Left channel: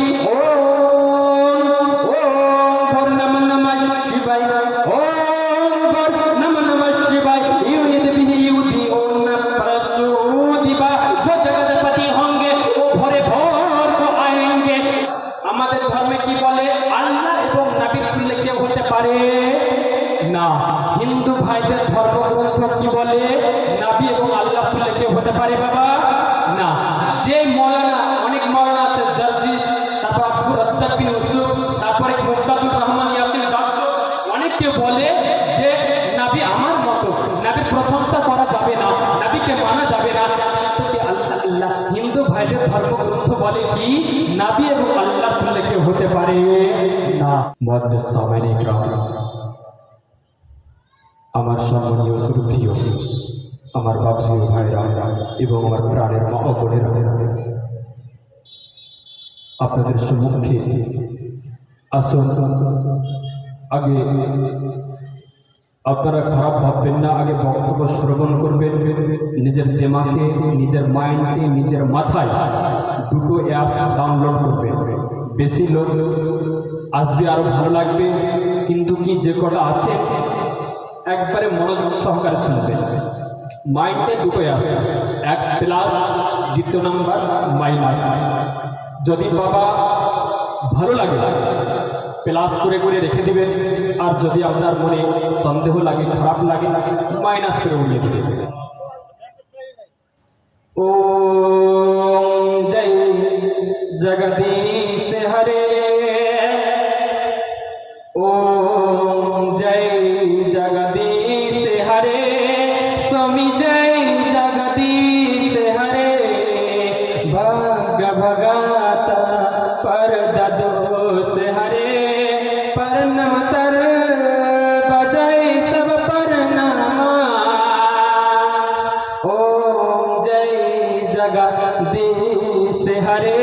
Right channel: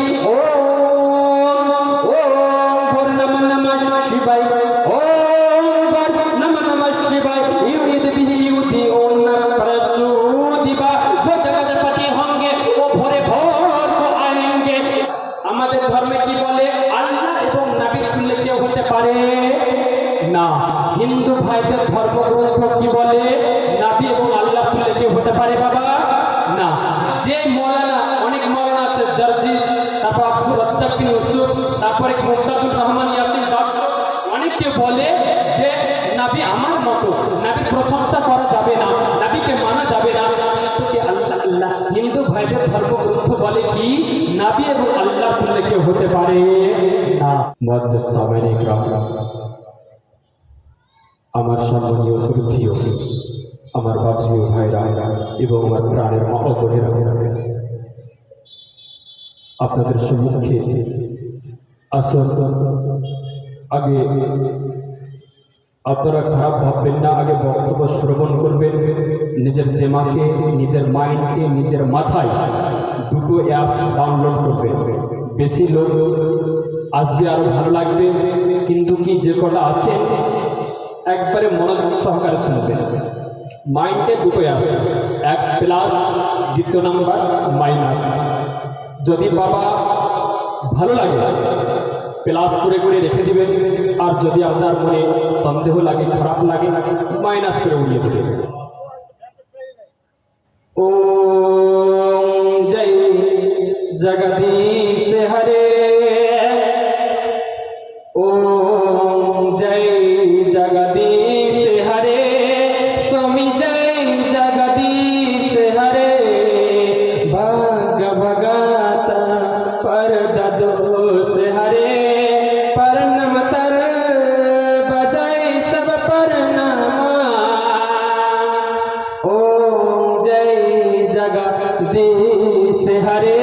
की ओम भर नमः नमः शिवाय ओम भर नमः नमः शिवाय युद्ध विधि युद्धि ओम प्रचोदिबा जो जगतपति होंगे वो भरे भोर को आएंगे। আমাদের ধর্মে কি বলে আল্লাহ এবং নবীর তুল্য কেউ হতে পারে না। হিন্দু ভাইদের ধর্মগ্রন্থ কি বলে নবী এবং আল্লাহ তুল্য কেউ হতে পারে বাবা না। যে মৌলানা অনেক মৌলানা আছে জার্জিস, তারপর আব্দুর রাজ্জাক বিন ইউসুফ, তারপরে মুক্তাদুর রহমান ইয়াসিন দাওয়াত, অনেকে বলে যে নবী আমার মতো, নবীর প্রশংসা করা যাবে না, নবীকে মানা যাবে না। আল্লাহ হিন্দু ভাইদের ধর্মগ্রন্থ বলে কি নবী এবং আল্লাহ তুল্য কেউ হতে পারে না। মুআজ্জাজ সাহাবায়ে ইকরাম, আমার সম্মানীয় শ্রদ্ধেয় আমার বাপজি ভাইরা এবং আমার প্রাণের মা ও বোনেরা, আপনাদের সম্মুখে আসুন। আগে আপনারা খারাপ ভাববেন না, আগে বক্তব্য শ্রবণ করবেন। নিজের দিমাগে, নিজের মাইন্ডে, নিজের মাথায় দুটো অ্যাপস ডাউনলোড করবেন। বেশি লোক আসবে আরো ভালো লাগবে, কিন্তু কি যে কটা আছে একবারে মনোযোগ সহকারে শুনবেন। মাইন্ডে দুটো অ্যাপস, এক প্লাস, দ্বিতীয় নাম্বার মাইনাস। যদি বাবা ভালো লাগে প্লাস করে করে রেখে দিবেন, আর যদি আপনার মনে সন্দেহ লাগে, খারাপ লাগে, মাইনাস করে উড়িয়ে দেবেন। ওম জয় জগদীশ হরে, ওম জয় জগদীশ হরে, স্বামী জয় জগদীশ হরে, ভগ ভগত पर ददोस हरे, परनम तर बजाय सब परनमा। ओम जय जगदीश हरे,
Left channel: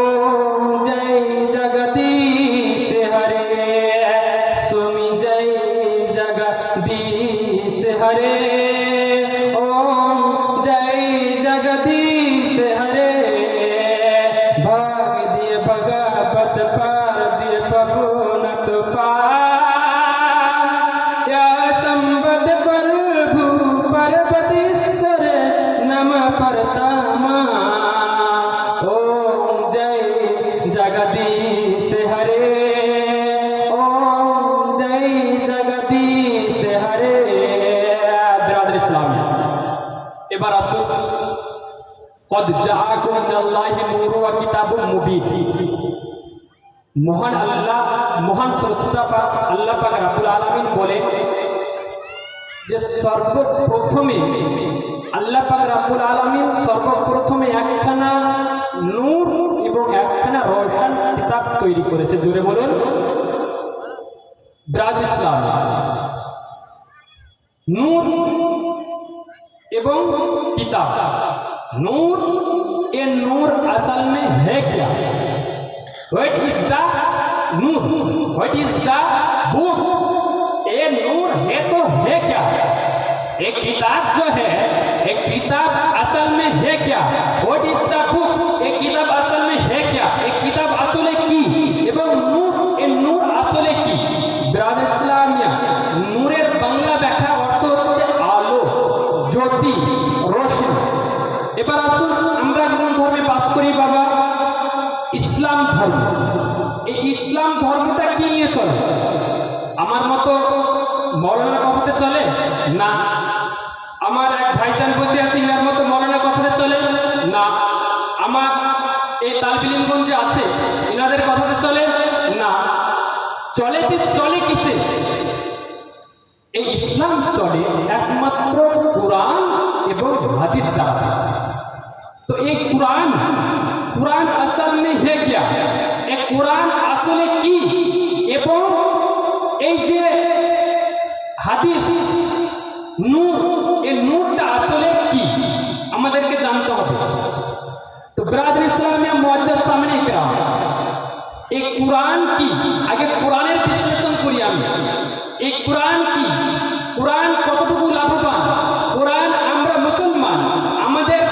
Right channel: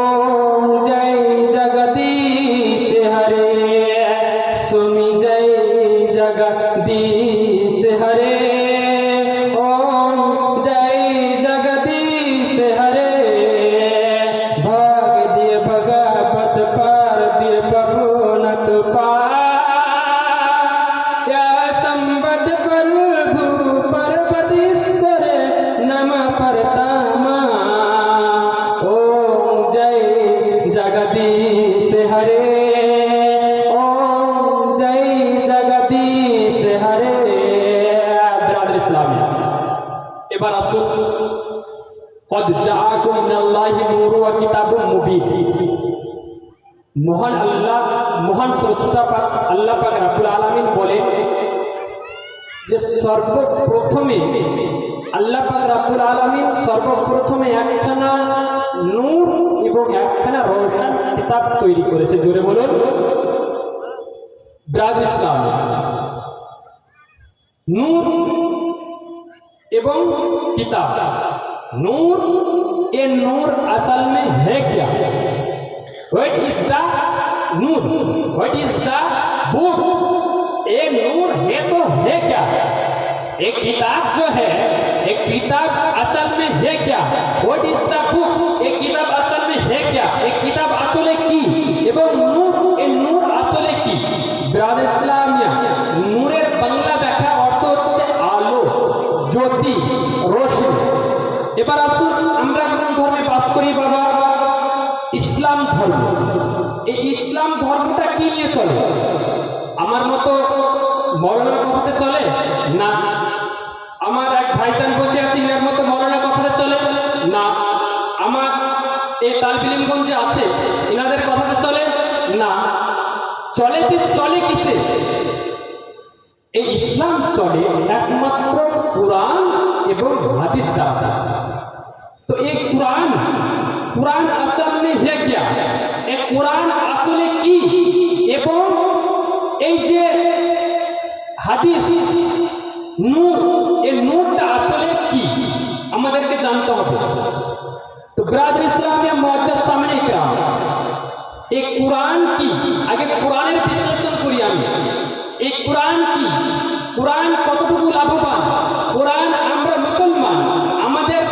ओम जय जगदीश हरे, सुमि जय जगदीश हरे, ओम जय जगदीश हरे, भाग दिए भगवत पार दिए पहुनत पाया संबद प्रभु परबदीश्वर नम परतमा। ओम जय जगदीश हरे, ओम जय जगदीश हरे। बिरादर इस्लाम, এবার আসুন কদ জাআকুম মিনাল্লাহি নূরুন ওয়া কিতাবুম মুবিন। মহান আল্লাহ, মহান স্রষ্টা পাক আল্লাহ পাক রব্বুল আলামিন বলেন যে সর্বপ্রথমে আল্লাহ পাক রব্বুল আলামিন সর্বপ্রথমে একখানা নূর এবং একখানা রওশন কিতাব তৈরি করেছে। জোরে বলুন বিরাদর ইসলাম। নূর এবং किताब, नूर, ये नूर असल में है क्या? What is the Noor? What is the book? ये नूर है तो है क्या? एक किताब जो है, एक किताब असल में है क्या? What is the book? एक किताब असल में है क्या? एक किताब আসলে কি এবং নূর, এই নূর আসলে কি? বিরাদর ইসলামিয়া, নূরের বাংলা ব্যাখ্যা অর্থ হচ্ছে আলো, জ্যোতি, রোশনি। এবার আসুন, আমরা কোন ধর্মে বাস করি বাবা? ইসলাম ধর্ম। এই ইসলাম ধর্মটা কি নিয়ে চলে? আমার মতো মরণের কথাতে চলে না। আমার এক ভাইজান বসে আছে, ইনার মতো মরণের কথাতে চলে না। আমার এই তালবিলিমগঞ্জে আছে, ইনাদের কথাতে চলে না। চলে কিসে? এই ইসলাম চলে একমাত্র কুরআন এবং হাদিস দ্বারা। তো এই কুরআন আসল में है क्या? এই কুরআন আসলে কি এবং এই যে হাদিস নূর, এই নূরটা আসলে কি আমাদেরকে জানতে হবে। তো বিরাদর ইসলামিয়া মুআজ্জাজ সামনে ইকরাম, এই কুরআন কি? আগে কুরআনের বিশ্লেষণ করি আমি। এই কুরআন কি? কুরআন কতটুকু লাভবান? কুরআন আমরা মুসলমান, আমাদের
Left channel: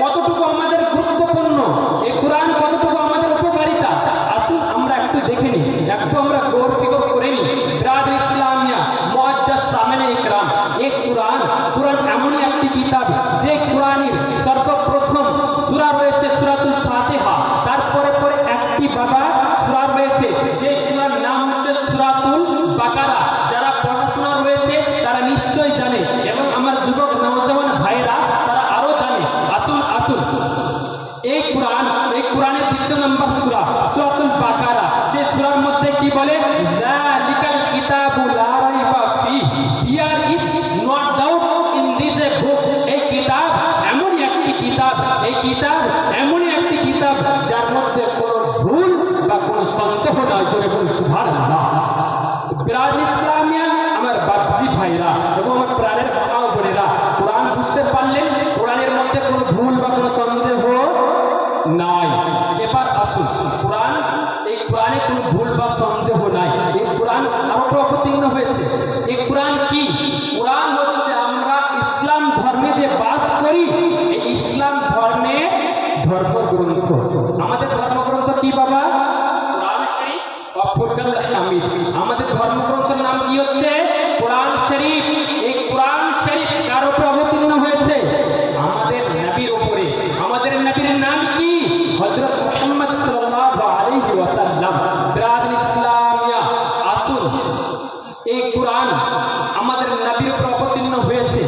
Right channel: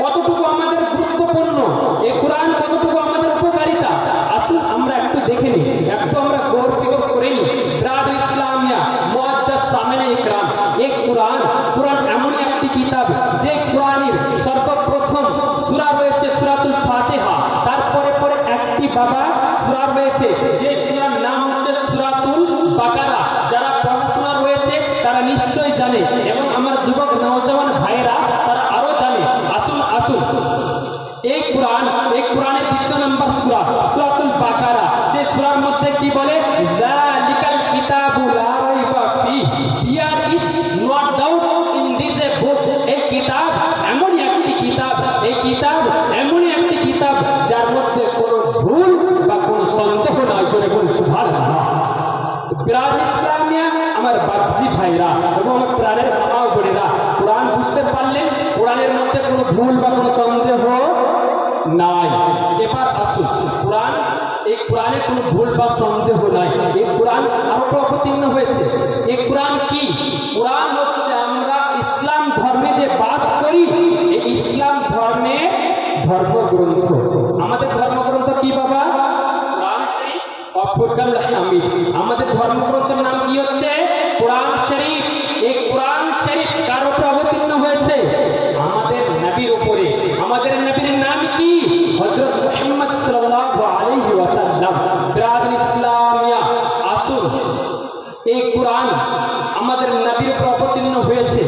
কতটুকু আমাদের গুরুত্বপূর্ণ? এই কুরআন কতটুকু এই কোরআনের 2 নম্বর সূরা সূরাতুল বাকারা, সেই সূরার মধ্যে কি বলে, যালিকাল কিতাবু লা রাইবা ফিহি, here is no doubt in this a book. এই কিতাব এমনই একটি কিতাব, এই কিতাব এমনই একটি কিতাব যার মধ্যে কোনো ভুল বা কোনো সন্দেহ নয়। জোরে বলুন সুবহানাল্লাহ। তো বিরাদ ইসলামিয়া আমার বাপজি ভাইরা এবং আমার প্রাণের মাও বোনেরা, কোরআন বুঝতে পারলেন, কোরআনের মধ্যে কোনো ভুল বা কোনো সন্দেহ নাই। এবার আসুন কোরআন, এই কোরআনে কোনো ভুল বা সন্দেহ নাই। এই কোরআন আরো অবতীর্ণ হয়েছে। এই কোরআন কি? কোরআন হচ্ছে আমরা ইসলাম ধর্মে যে বাস করি, এই ইসলাম ধর্মের ধর্মগ্রন্থ। আমাদের ধর্মগ্রন্থ কি বাবা? কোরআন শরীফ ও ফুরকানুল হামিদ। আমাদের ধর্মগ্রন্থের নাম কি হচ্ছে? কোরআন শরীফ। এই কোরআন শরীফ কার উপর অবতীর্ণ হয়েছে? আমাদের নবীর উপরে। আমাদের নবীর নাম কি? হযরত মুহাম্মদ সাল্লাল্লাহু আলাইহি ওয়াসাল্লাম। বিরাদর ইসলামিয়া আসুন, এই কোরআন আমাদের নবীর উপর অবতীর্ণ হয়েছে।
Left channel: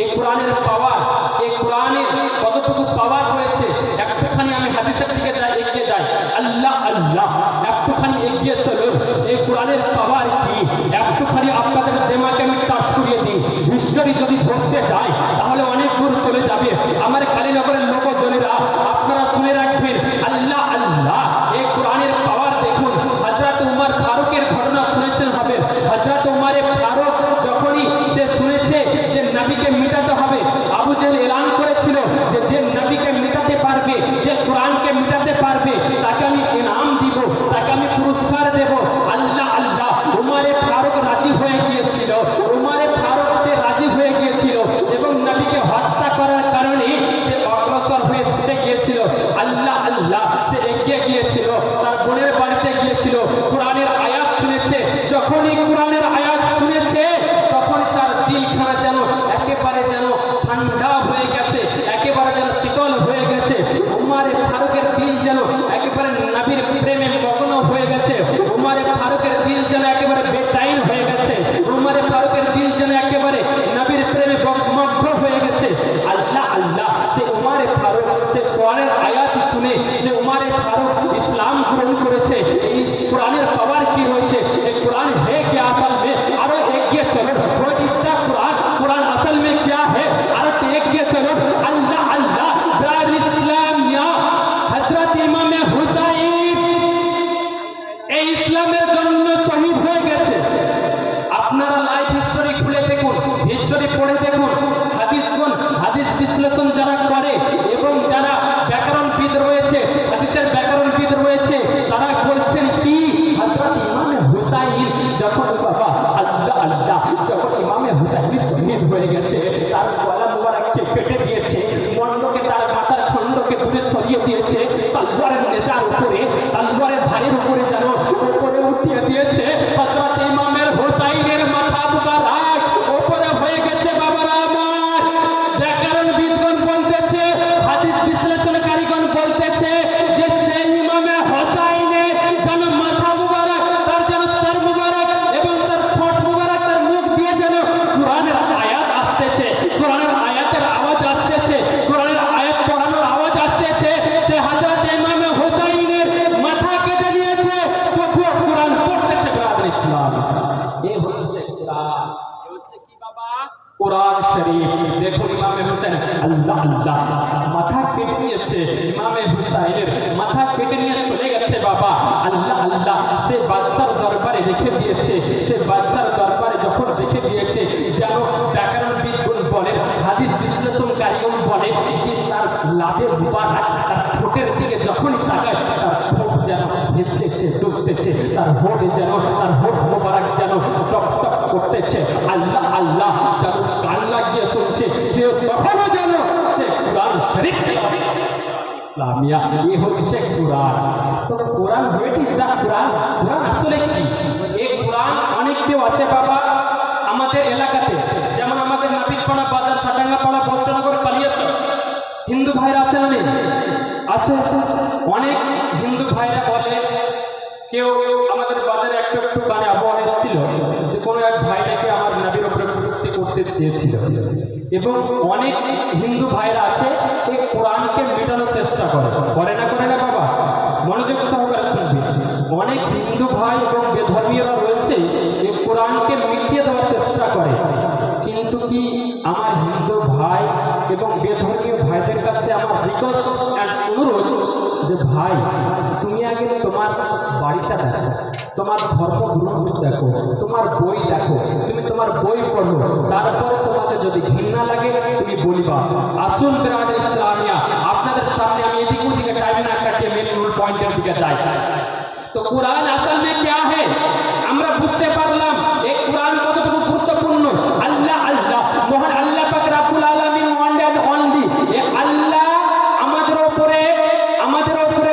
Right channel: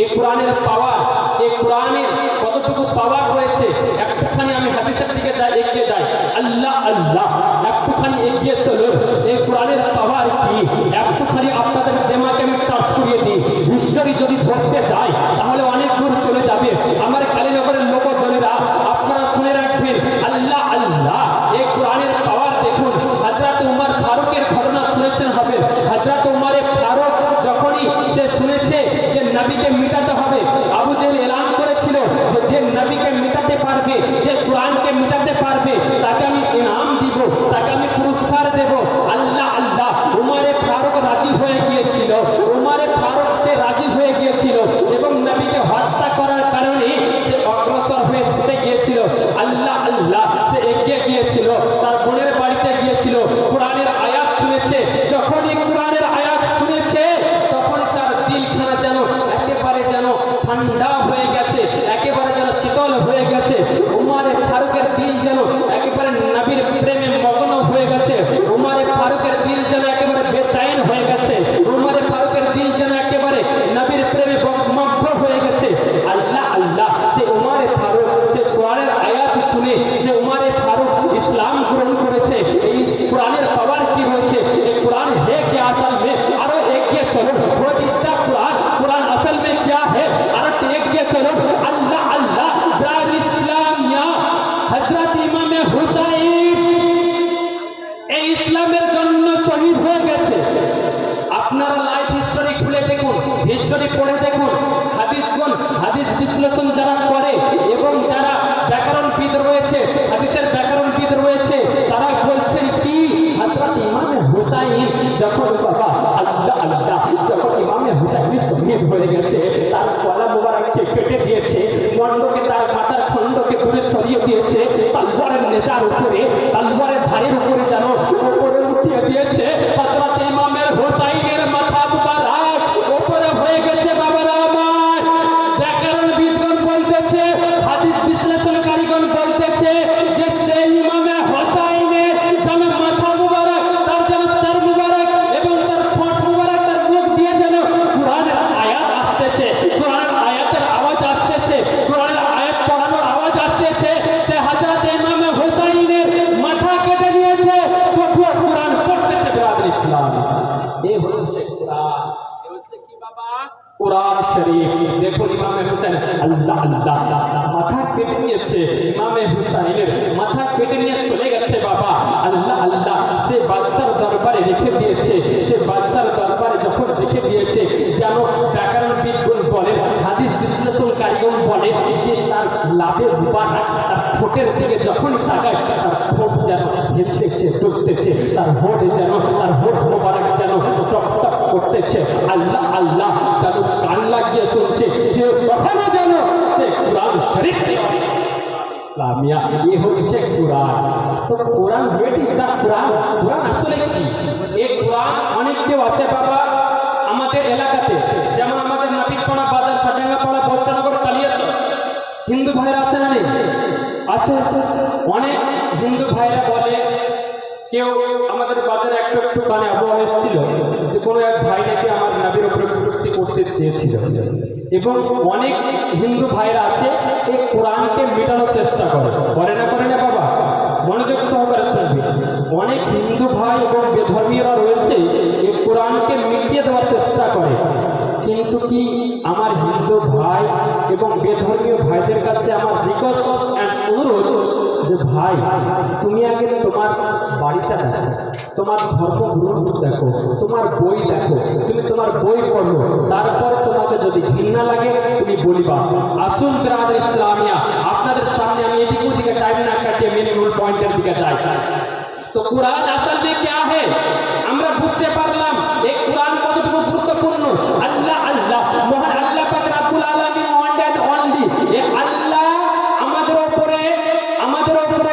এই কোরআনের পাওয়ার, এই কোরআনের কতটুকু পাওয়ার রয়েছে, একটুখানি আমি হাদিসের দিকে এগিয়ে যাই। আল্লাহ আল্লাহ, একটুখানি এগিয়ে চলুন। এই কোরআনের পাওয়ার কি একটুখানি আপনাদের দেমাকে আমি টাচ করিয়ে দিই। হিস্টোরি যদি ধরতে যাই তাহলে অনেক দূর চলে যাবে। আমার কালীনগরের লোকজনেরা আপনারা শুনে রাখবেন, আল্লাহ আল্লাহ, এই কোরআনের পাওয়ার দেখুন। হযরত উমর ফারুকের ঘটনা শুনেছেন হবে। হযরত উমর ফারুক যখনই সে শুনেছে যে নবীকে মিটাতে হবে, আবু জেহেল এলান করেছিল যে যে নবীকে মিটাতে পারবে, যে কোরআনকে মিটাতে পারবে, তাকে আমি ইনাম দিব, তাকে আমি পুরস্কার দেব। আল্লাহ আল্লাহ, উমর ফারুক রাজি হয়ে গিয়েছিল। উমর ফারুক সে রাজি হয়ে গিয়েছিল এবং নবীকে হত্যা করার কারণে সে অগ্রসর হয়ে ছুটে গিয়েছিল। আল্লাহ আল্লাহ, সে এগিয়ে গিয়েছিল, তার বোনের বাড়িতে গিয়েছিল, কোরআনের আয়াত শুনেছে। যখনই কোরআনের আয়াত শুনেছে তখন তার দিলখানা যেন একেবারে যেন ঠান্ডা হয়ে গেছে, একেবারে যেন শীতল হয়ে গেছে। উমর ফারুকের দিল যেন একেবারে নবীর প্রেমে মগ্ন হয়ে গেছে। উমর ফারুকের দিল যেন একেবারে বেচাইন হয়ে গেছে। উমর ফারুকের দিল যেন একেবারে নবীর প্রেমে মগ্ন হয়ে গেছে। আল্লাহ আল্লাহ, সে উমর ফারুক সে কোরআনের আয়াত শুনে সে উমর ফারুক ইসলাম গ্রহণ করেছে। এই কোরআনের পাওয়ার কি রয়েছে? এই কোরআন है क्या असल में? আরো এগিয়ে চলুন। वो इसका कुरान कुरान असल में क्या है? আরো এগিয়ে চলুন। আল্লাহ আল্লাহ, বিরাদর ইসলামিয়া, হযরত ইমাম হুসাইন এই ইসলামের জন্য শহীদ হয়ে গেছে। আপনারা লাইফ হিস্টোরি খুলে দেখুন, হিস্টোরি পড়ে দেখুন। হাদিস বিশ্লেষণ যারা করে এবং যারা ব্যাকরণবিদ রয়েছে, হাদিসের ব্যাকরণবিদ রয়েছে, তারা বলছেন কি, হযরত ইমাম হুসাইন যখন বাবা আল্লাহ আল্লাহ, যখন ইমাম হুসাইন শহীদ হয়ে গেছে, তার গলা মোবারককে কেটে দিয়েছে, মণ্ডকে তার মাথার খণ্ডকে দূরে সরিয়ে দিয়েছে, তলোয়ারের নেজার উপরে, তলোয়ারের ধারের উপরে যেন উপরে উঠিয়ে দিয়েছে। হযরত ইমাম হুসাইনের মাথা মুবারক উপরে হয়ে গেছে। বাবারা আমার, ব্যাকরণবিদগণ বলতেছে, হাদিস বিশ্লেষণকারীগণ বলতেছে যে সেই ইমাম হুসাইনের যেন মাথা মুবারক, তার যেন সর মুবারক এবং তার ঠোঁট মুবারক, তার মুখ দিয়ে যেন কোরআনের আয়াত আসতেছে, কোরআনের আয়াতের আওয়াজ আসতেছে, কোরআনের আয়াত পড়ানোর আওয়াজ আসতেছে। সে হযরত ইমাম হুসাইনের মাথা কেটে দিয়েছে, তবুও কোরআন পড়তেছে। বিরাদর ইসলাম, এই হচ্ছে কোরআন। এই হচ্ছে কি বাবা? কোরআন শরীফ। দেখুন ইমাম হুসাইন, আল্লাহ আল্লাহ, মাথা কেটে নিয়েছে। ইমাম হুসাইনের মাথা কেটে নিয়ে চলে গেছে বাবা। আল্লাহ আল্লাহ, সে বাদশার দরবারে রেখে দিয়েছে। সে বাদশার দরবারে যখন রেখে দিয়েছে, যেন ব্যাকরণবিদগণ বলেন, হাদিস বিশ্লেষণকারীগণ বলে যে তার লাভের মুবারক, তার ঠোঁটের দিকে যখনই তাকায়, তার ঠোঁট যেন হেলতেছে, দুলতেছে, তার হোঁট যেন, তার হোঁট মুবারক যেন টপ টপ করতেছে। আল্লাহ আল্লাহ, যেন কান লাগিয়ে শুনছে, সে তখনও যেন সে কোরআন শরীফ ইসলামিয়া। এই হচ্ছে কোরআন। তো কোরআন, হোয়াট ইজ দ্য কোরআন? কোরআন আসলে কি? এই কোরআন অনেক কেউ আছে বাবা আমাদের এলাকাতে, যেমন আমাদের নাপিতপাড়া বাজার, সাটাঙ্গাপাড়া, বস্ত্রনগর, কালিয়াচক হিন্দু ভাইরা আছে না? নেই? আছে। অনেক হিন্দু ভাইরা বলে, কেউ আমাদের বাজারে একটু একটু কানে আবহাওয়া ছিল যে কোনো এক ভাই নাকি আমার নবীর উপরে কটূক্তি করতে চেয়েছিল এবং অনেক হিন্দু ভাইরা আছে এই কোরআনকে মেটানোর চেষ্টা করে না বাবা, মনোযোগ সহকারে শুনবে। অনেক হিন্দু ভাই এবং বেধর্মীয়রা রয়েছে এই কোরআনকে মিটিয়ে দেওয়ার চেষ্টা করে, কিন্তু কি আমার হিন্দু ভাই এবং বেধর্মীয় ভাইদের কাছে আমার রিকোয়েস্ট অ্যান্ড অনুরোধ যে ভাই তুমি আগে তোমার বাড়িটা দেখো, তোমার ধর্মগ্রন্থ দেখো, তোমার বই দেখো, তুমি তোমার বই পড়ো, তারপর তোমাকে যদি ঘৃণা লাগে তুমি বলিবা। আসুন বিরাদর ইসলামিয়া, আপনাদের সামনে আমি এদিকে ওদিকে টাইম না কাটিয়ে মেন মূল পয়েন্টের দিকে যাই। তো কোরআন আসল में क्या है আমরা বুঝতে পারলাম এই কোরআন কতটুকু গুরুত্বপূর্ণ। আল্লাহ আল্লাহ মহান আল্লাহ পাক রব্বুল আলামিন ওয়ান এন্ড অনলি, এই আল্লাহ আমাদের উপরে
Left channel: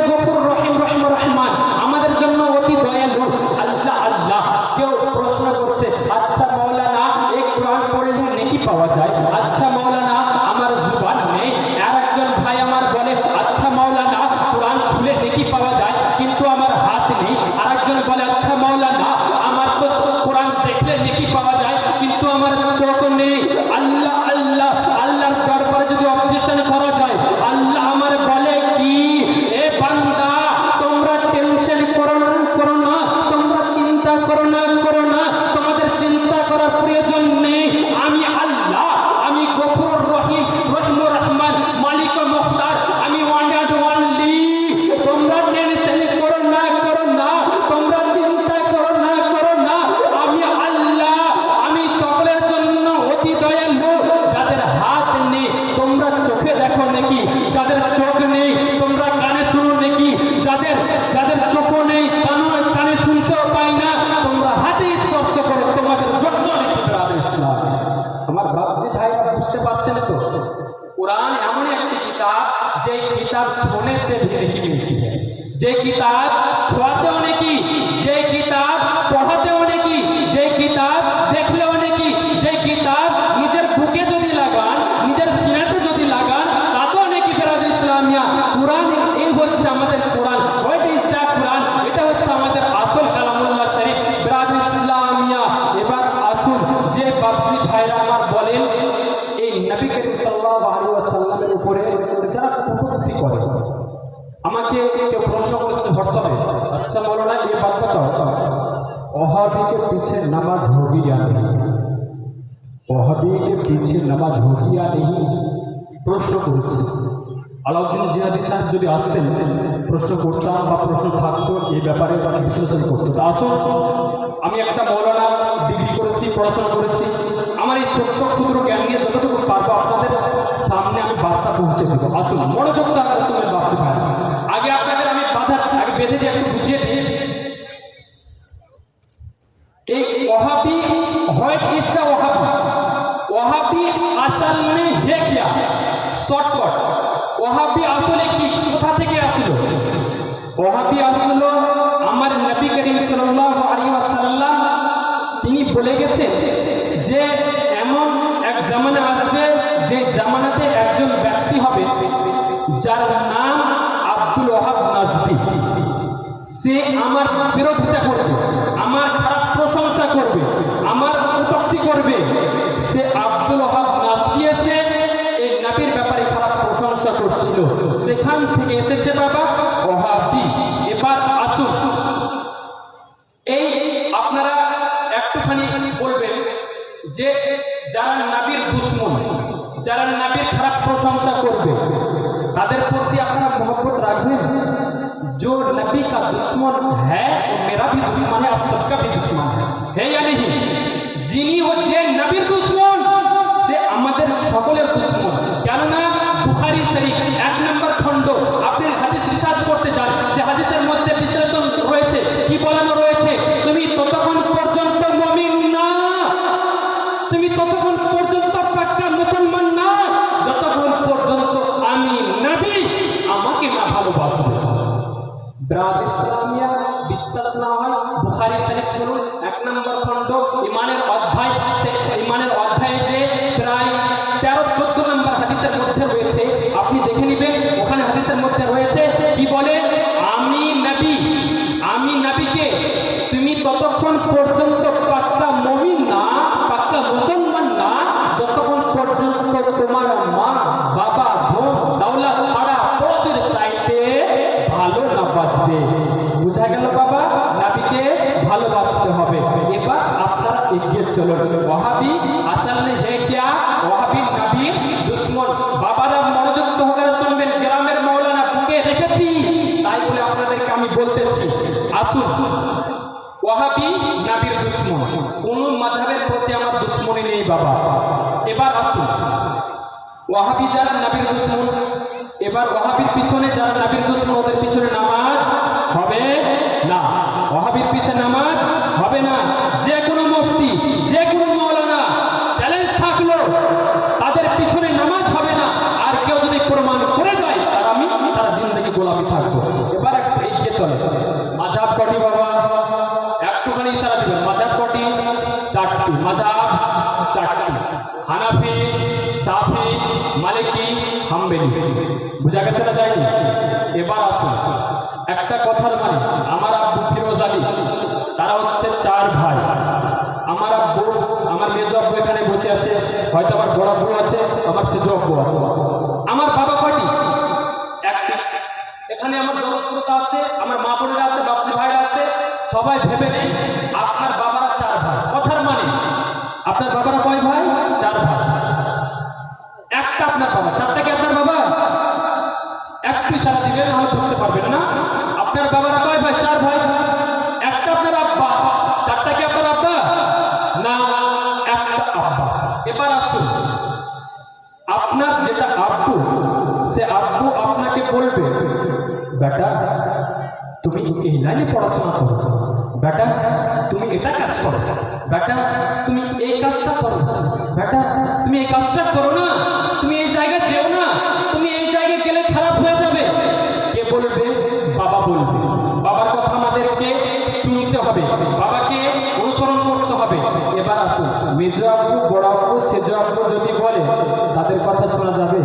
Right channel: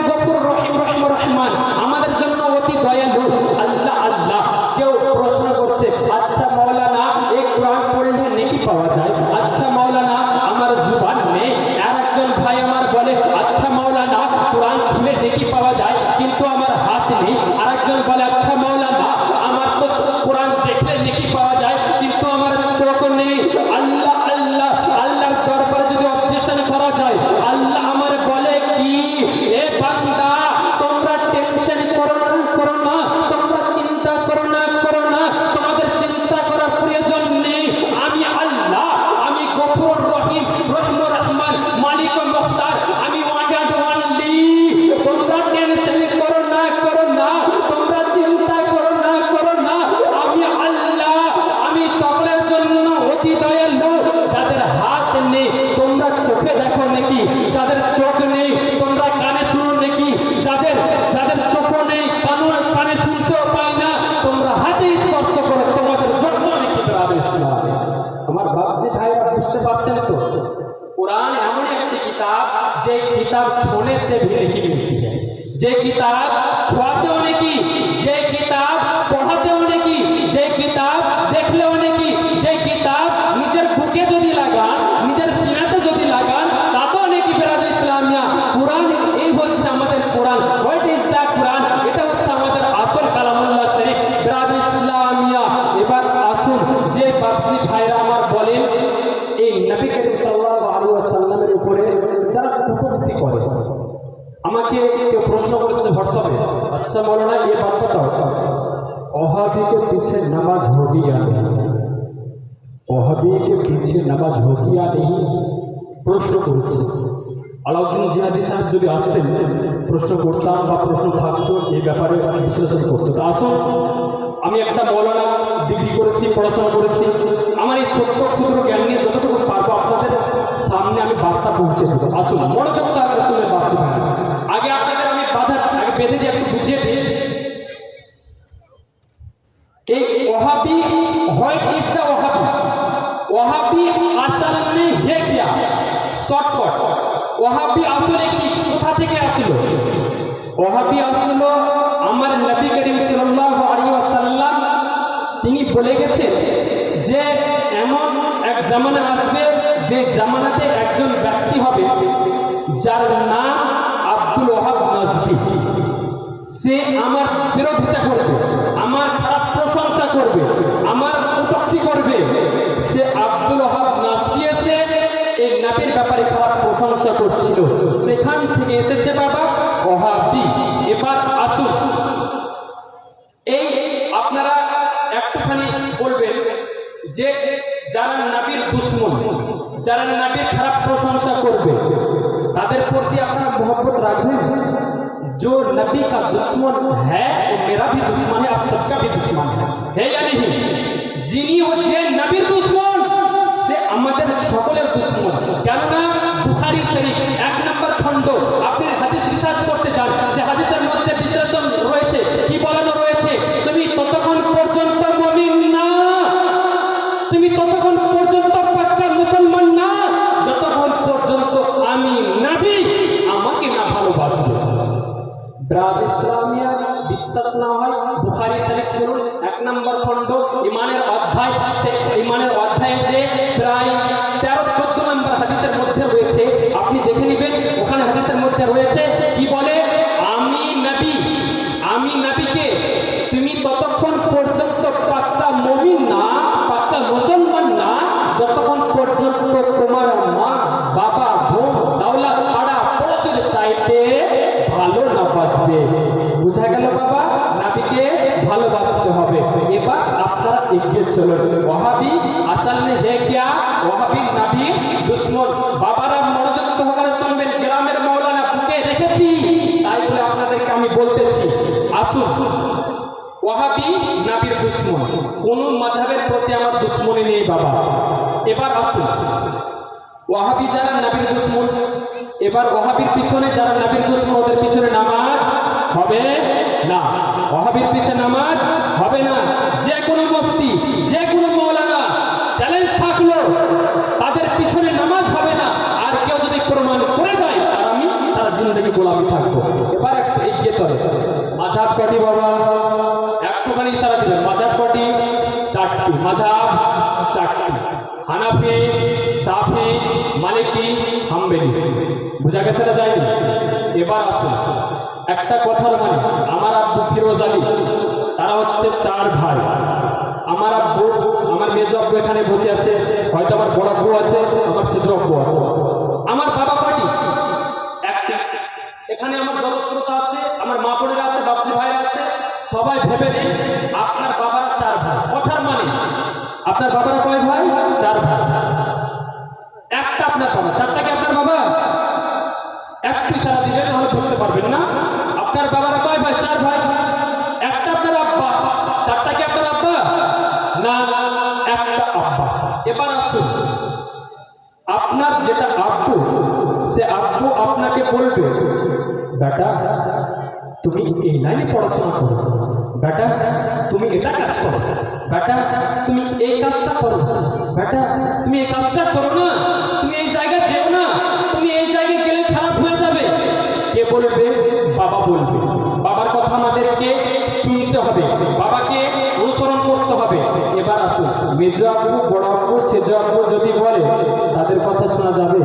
গফুর রহিম রহমান, আমাদের জন্য অতি দয়ালু। আল্লাহ আল্লাহ। কেউ প্রশ্ন করছে আচ্ছা মাওলানা এই কোরআন পড়লে নেকি পাওয়া যায়, আচ্ছা মাওলানা আমার জুবান নেই। আরেকজন ভাই আমার বলে আচ্ছা মাওলানা কোরআন ছুঁলে নেকি পাওয়া যায় কিন্তু আমার হাত নেই। আরেকজন বলে আচ্ছা মাওলানা আমার তো কোরআন দেখলে নেকি পাওয়া যায় কিন্তু আমার চোখ নেই। আল্লাহ আল্লাহ আল্লাহর দরবারে যদি অবজেকশন করা যায়, আল্লাহ আমার বলে কি এ বান্দা তোমরা টেনশন করো না, তোমরা চিন্তা করো না, তোমাদের চিন্তা করার প্রয়োজন নেই। আমি আল্লাহ, আমি গফুর রহিম রহমান মালিক ও মুখতার, আমি ওয়ান এন্ড অনলি। তোমরা টেনশন করো না, তোমরা চিন্তা করো না, আমি আল্লাহ, আমি সকলের জন্য অতি দয়ালু। যাদের হাত নেই তোমরা চোখে দেখো নাকি, যাদের চোখ নেই তোমরা কানে শুনো নাকি, যাদের চোখ নেই কানে শুনতেও পাই না তোমরা হাতে স্পর্শ করো, তোমাদের জন্য নাকি ব্রাদার ইসলাম। তোমার বাপজি ভাই বুঝতে পারছেন তো? कुरान एमन एक किताब जे किताब छूने से भी नेकी मिलती है, जे किताब छुआते होने की, जे किताब पढ़ाते होने की, जे किताब देखले होने की, जे किताब निजर बुके যদি লাগান, নিজের সিনাতে যদি লাগান তাতে অনেক কি ব্রাদার ইসলামিয়া। কুরআন এই হচ্ছে আমাদের Quran. What is the Quran? এটা হচ্ছে আমাদের আসল কালামুল্লাহ শরীফ ব্রাদার ইসলামিয়া। এবার আসুন যে বাপজি ভাইরা আমার বলেন এই নবী করিম সাল্লাল্লাহু আলাইহি ওয়াসাল্লামের উপরে যারা কটূক্তি করে, আমাকে কেউ প্রশ্ন করতে হোয়াটসঅ্যাপে, আচ্ছা বলো না ये बात बताओ वहाबी के पीछे नमाज होगी या नहीं, वहाबी के पीछे नमाज होगी या नहीं প্রশ্ন করেছে। আলাউদ্দিন জিহাদি সাহেব যদি আসতেন প্রশ্ন করতাম বা প্রশ্ন থাকতো এই ব্যাপারে বিশ্লেষণ করতো। তা আসুন, আমি একটা মৌলানা ডিগ্রি করেছি, পড়াশোনা করেছি, আমার এই ছোট্ট ক্ষুদ্র জ্ঞান নিয়ে যতটুকু পারবো আপনাদের সামনে আমি বার্তা পৌঁছে দেবো। আসুন মনোযোগ সহকারে শুনে ভাবছি ভাই, আগে আপনাদের আমি আগে বেঁধে দিয়ে একটু বুঝিয়ে দিই এই Wahhabi what is the Wahhabi, Wahhabi আসল মে হে কিয়া, শর্টকাট ওয়াহাবি আসলে কি, কোথা থেকে আসলো? ওয়াহাবি আসলো আমার নবী করিম সাল্লাল্লাহু আলাইহি ওয়াসাল্লাম তিনি বলে গেছেন যে এমন এক জামানা আসবে যে জামানাতে একজন ব্যক্তি হবে যার নাম আব্দুল ওয়াহাব নাজফি। সে আমার বিরোধিতা করবে, আমার খারাপ প্রশংসা করবে, আমার কটূক্তি করবে। সে আব্দুল ওয়াহাব নাজফি এসে এই নবীর ব্যাপারে খারাপ প্রশংসা করছিল, সেখান থেকে এসেছে বাবা ওয়াহাবি। এবার আসুন এই আপনারা একটুখানি বলবেন যে যারা নবীর দুশমন, যারা নবীর খারাপ প্রশংসা করবে তাদের প্রতি আপনারা मोहब्बत রাখবেন? जो नबी का दुश्मन है मेरा भी दुश्मन है, आप सबका भी दुश्मन है या नहीं? যিনি হচ্ছে নবীর দুশমন সে আমাদের সকলের দুশমন। কেননা বুখারী শরীফ 1 নম্বর খণ্ড আপনি হাদিস রিসার্চ করতে যান, যে হাদিসের মধ্যে বিশ্লেষণ রয়েছে, কি বলানো রয়েছে, তুমি ততক্ষণ পর্যন্ত মুমিন না, তুমি ততক্ষণ পর্যন্ত পাক্কা মুসলমান না যতক্ষণ পর্যন্ত আমি নবী আমাকে না ভালোবাসবে। ব্রাদার ইসলামিয়া বিশ্বাস না হয় বুখারী শরীফ পড়ুন 1 নম্বর খণ্ড ঈমানের অধ্যায়, সে ঈমানের অধ্যায়ে যে প্রায় 13-14 নম্বর হাদিসের মধ্যে রয়েছে, আপনি দেখে নেবেন। ওখানে হাদিসের মধ্যে রয়েছে কি বলে, আমি নবীকে তুমি ততক্ষণ পর্যন্ত পাক্কা মুমিন না, পাক্কা মুসলমান না বুঝা গেল বাবা, নবীকে ভালোবাসতে হবে। এবার আপনারা এগিয়ে চলুন। ওয়াহাবি আসল মে হে क्या? ওয়াহাবি নবীর দুশমন। বাবারা মনোযোগ সহকারে শুনবেন, গ্রামের মাওলানা বুকে রেখেছি, তাই বলে আপনাদেরকে আমি বলতেছি, আসুন। ওয়াহাবি নবীর দুশমন, কোন মাযহাবের প্রতি আমার দুশমনি নেই বাবা। এবার আসুন, ওয়াহাবি যারা নবীর দুশমন, এবার ওয়াহাবির পিছনে যারা নবীর দুশমন, ওদের পিছনে নামাজ হবে না। ওয়াহাবির পিছনে নামাজ হবে না। যে কোনো মুফতি, যে কোনো মাওলানা, চ্যালেঞ্জ থাকলো, তাদের পিছনে নামাজ হবে না। আর কেউ যদি প্রমাণ করে দেয় তারা জিন্দগি গোলামি থাকবো। এবার একটু এগিয়ে চলো। মাযহাব কটি বাবা? একটুখানি ইশারা দিবেন। মাযহাব কটি? চারটি। মাযহাব চারটি: হানাফি, শাফি, মালিকি, হাম্বলি। বুঝা গেছে না যায়নি? এবার আসুন, একটা কথার মানে, আমার আব্বু ফিরোজ আলী, তারা হচ্ছে চার ভাই। আমার আব্বু, আমার মেজো আব্বু এখানে বসে আছে, হয়তো আমার বড় আব্বু আছে, আমার সেজো আব্বু আছে। আমার বাবা কয়টি? একটি। এখানে আমার যত শ্রোতা আছে, আমার মা বোনেরা আছে, বাপজি ভাইরা আছে, সবাই ভেবে নেই আপনার বাবারা চার ভাই। কথার মানে আপনার বাবারা কয় ভাই? চার ভাই। একটা আপনার বাবা, চারটা কি আপনার বাবা? একটু ইশারা দিবেন, আমরা বুঝতে পারবেন না। আপনার বাবারা কয় ভাই? চার ভাই। একটা আপনার আব্বা, চারটা কি আপনার আব্বা? না, একটা আব্বা। এবার আসুন, আপনার যেটা আব্বু, সে আব্বু আপনাকে বলবে, বেটা তুমি এই লাইনে পড়াশোনা করো, বেটা তুমি এটা কাজ করো, বেটা তুমি এই কাজটা করো, বেটা তুমি এই কাজটা করো না, তুমি এই জায়গায় যেও না, তুমি এই জায়গায় গেলে খারাপ হয়ে যাবে। কে বলবে? বাবা বলবে। বাবার কথা আমাদেরকে শুনতে হবে, বাবাকে অনুসরণ করতে হবে। এবার আসুন, মেজো আব্বু, বড় আব্বু, সেজো আব্বু যদি বলে, তাদের কথা শোনা যাবে?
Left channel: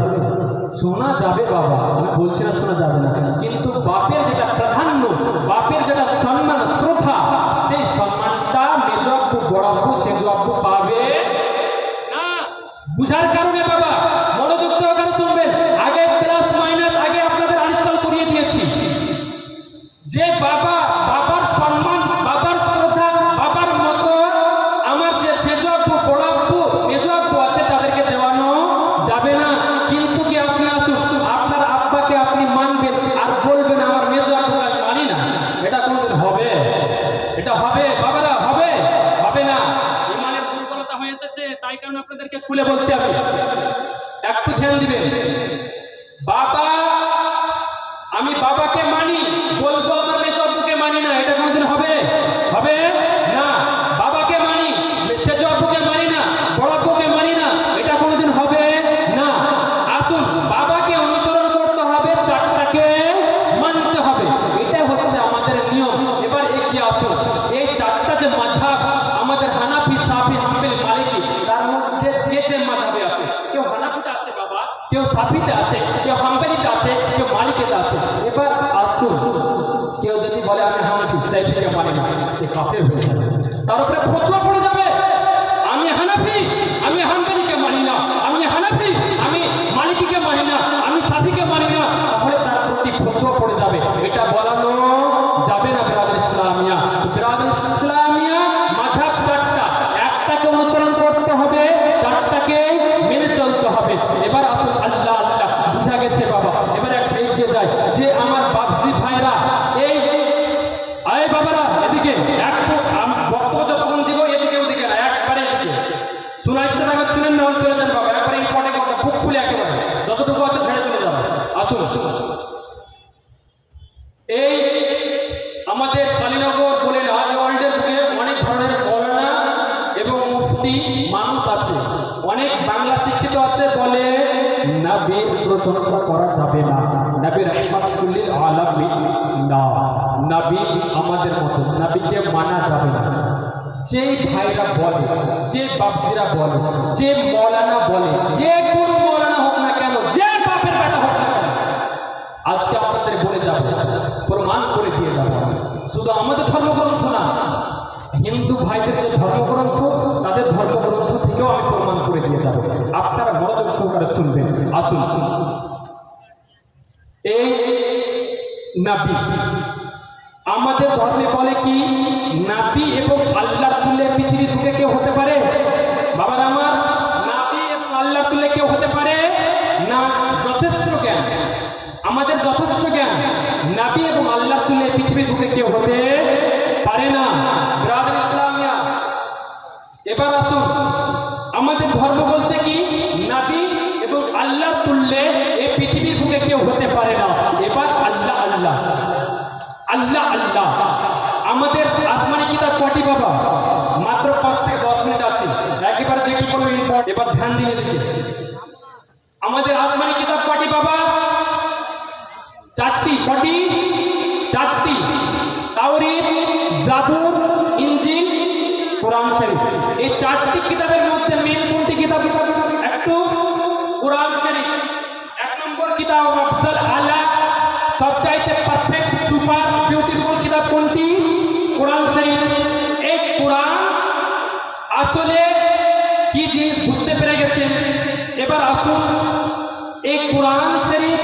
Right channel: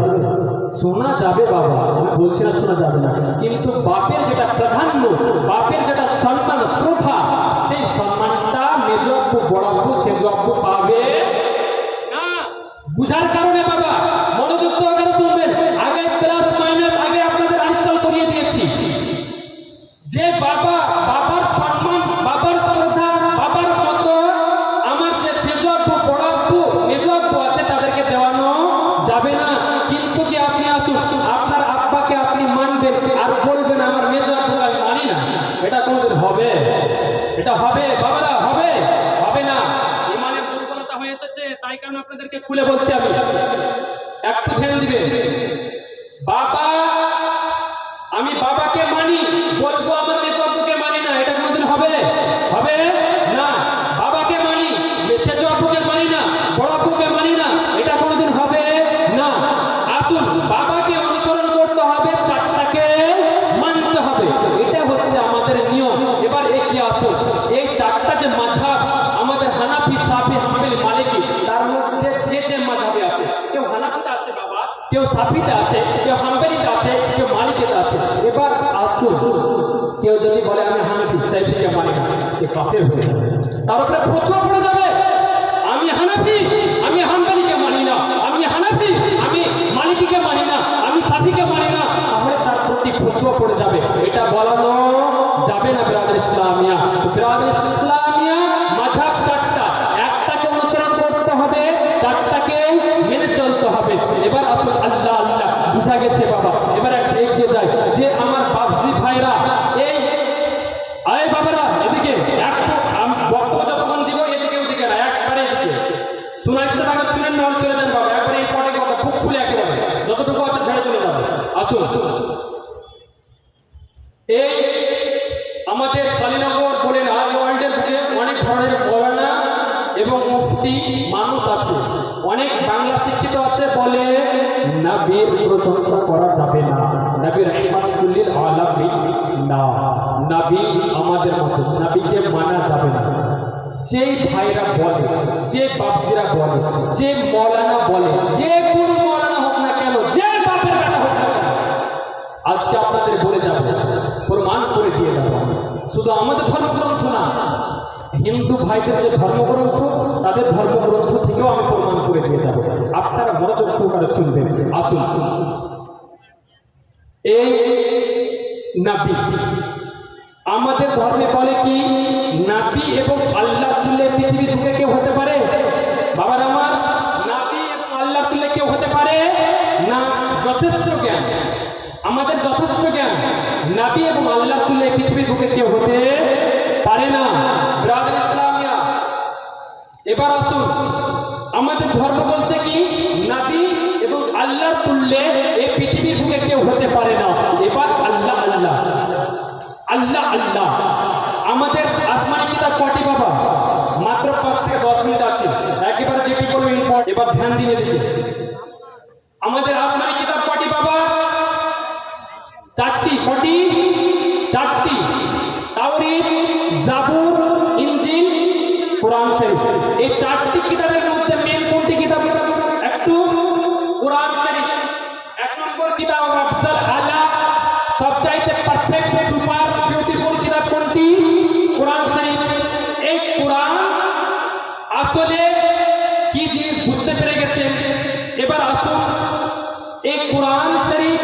শোনা যাবে বাবা, আমি বলছি না শোনা যাবে না, কিন্তু বাপের যেটা প্রাধান্য, বাপের যেটা সম্মান, শ্রদ্ধা, সেই সম্মানটা মেজো আব্বু, বড় আব্বু, সেজো আব্বু পাবে না। বুঝার কারণে বাবা মনোযোগ সহকারে শুনবেন। আগে প্লাস মাইনাস আগে আপনাদের আনস্টল করিয়ে দিয়েছি। যে বাবা, বাবার সম্মান, বাবার শ্রদ্ধা, বাবার মতো আমার যে সেজো আব্বু, বড় আব্বু, মেজো আব্বু আছে, তাদেরকে দেওয়ানো যাবে না। কিন্তু কি আপনি আসুন, আপনার আব্বাকে আপনি মানবেন আর বলবেন আমার মেজো আব্বু আমি মানি না, এটা কোনোদিন হবে? এটা হবে বাবারা? হবে? হবে না। ইমানের দুর্বলতা হয়ে এসেছে, তাই কারণে আপনাদেরকে খুলে বলছি আমি, একটু ধ্যান দিবেন। বাবা, আমি বাবাকে মানি, বলবো আমার মেজো আব্বুকে মানি না, এটা কোনোদিন হবে? হবে না। বাবাকে মানি, সেজো আব্বুকে মানি না, বড় আব্বুকে মানি না, এটা কোনোদিন হবে না। আসুন, বাবাকে অনুসরণ করতে হবে, চারটাকে মানতে হবে, এটা হচ্ছে আমাদের নিয়ম। এবার এগিয়ে আসুন, এই চারটা যে মাযহাব আমাদের, হানাফি, শাফি, হাম্বলি, মালিকি, তার মধ্যে যে যে মাযহাবে আছে, কেউ হানাফিতে আছে বাবা, কেউ শাফিতে আছে, কেউ হাম্বলিতে আছে, কেউ মালিকিতে আছে। এবার আসুন, কেউ যদি বলে আমি হানাফি, শাফিকে মানি না, সে কাফের হয়ে যাবে, তার উপরে ফতোয়া পড়ে যাবে। আমি হানাফি, আমি হাম্বলিকে মানি না, আমি হানাফি, আমি মালিকিকে মানি না, আমি শাফিকে মানি না, তাহলে তার প্রতি ফতোয়া পড়ে যাবে। এটা বলানো যাবে না বিরাদর ইসলামিয়া। বিরাদর ইসলামিয়া মাযহাব চারটা, একটাকে অনুসরণ করতে হবে, চারটাকে মেনে চলতে হবে। এবার আসুন, আল্লাহ আল্লাহ, বুঝা গেছে বাবা। এবার একটা এগিয়ে যায়, যে আমার বাপজি ভাইরা, এই আয় বাবারা এদিকে একটু, বক্তব্য যতক্ষণ দিব এদিকে ওদিকে না, একবারে এদিকে শোনার ইচ্ছা না শুনেন না, চলে যান বাবা, একবারে ইম্পর্টেন্ট কথা, বুক খুলে একেবারে যতটুকু আছে ছেড়ে চলে যাবে। আসুন, এই আমাদের কালীনগর বলে না, ওয়ার্ল্ডের বুকে অনেক ধরনের মৌলানা এবং মুফতি মানুষ আছে, অনেক বাংলা শিক্ষিত আছে, বলে নবীর প্রশংসা করা যাবে না, নবী রাহমাতুল লিল আলামিন না, নবী আমাদের মতো, নবীকে মানা যাবে না। যে ভাইরা বলে, যে বাপজিরা বলে, যে মৌলানা বলে, যে কোনো মৌলানা হোক না কেন, যে বাপের বেটা হোক না কেন, আজকে আপনাদের বলে যাবে, প্রমাণ করে দিয়ে যাবে। শুধু আমাদের ধর্মগ্রন্থ না, হিন্দু ভাইদের যে ধর্মগ্রন্থ, তাদের ধর্মগ্রন্থ থেকেও আমি প্রমাণ করে দিয়ে যাব। আপনারা মনোযোগ সহকারে শুনবেন। আসুন, এই নবী আমাদের ধর্মে বলে কি নাবি এবং আল্লাহ তুল্যে পৃথিবী থেকে কেউ হতে পারে? বাবার আমার, নাবি এবং আল্লাহ তুল্যে কেউ হতে পারে না। যথেষ্ট জ্ঞান, আমাদের যথেষ্ট জ্ঞান, নাবি এবং আল্লাহ তুল্যে পৃথিবী থেকে কেউ হতে পারে না। ব্রাদার ইসলামিয়া, এবার আসুন, আমাদের ধর্ম বলছে কি নাবি এবং আল্লাহর তুল্যে এই পৃথিবীর বুকে কেউ হতে পারে না। এবার আল্লাহ আল্লাহ আল্লাহ আল্লাহ, আমাদের আসমানি কিতাব কটি বাবা? মাত্র 5 থেকে 10 মিনিট আছে, একেবারে যেটি কোনো ইম্পর্ট, এবার ধ্যান দিয়ে দিকে। আমাদের আসমানি কিতাব কটি বাবা? 4টি। কটি? 4টি। তাওরীত, জাবুর, ইনজিল, কোরআন শরীফ। এই 4টি কিতাবের মধ্যে মেন কোনটি কিতাব? একটু কোরআন শরীফ। 1 নম্বর কিতাব আফজাল আলা, সবচাইতে পারফেক্ট সুপার বিউটিফুল কিতাব কোনটি? কোরআন শরীফ। এই কোরআন আসলে কি জিনিস বুঝতে পেরে গেছে। এবার আসুন, এই কোরআন শরীফ,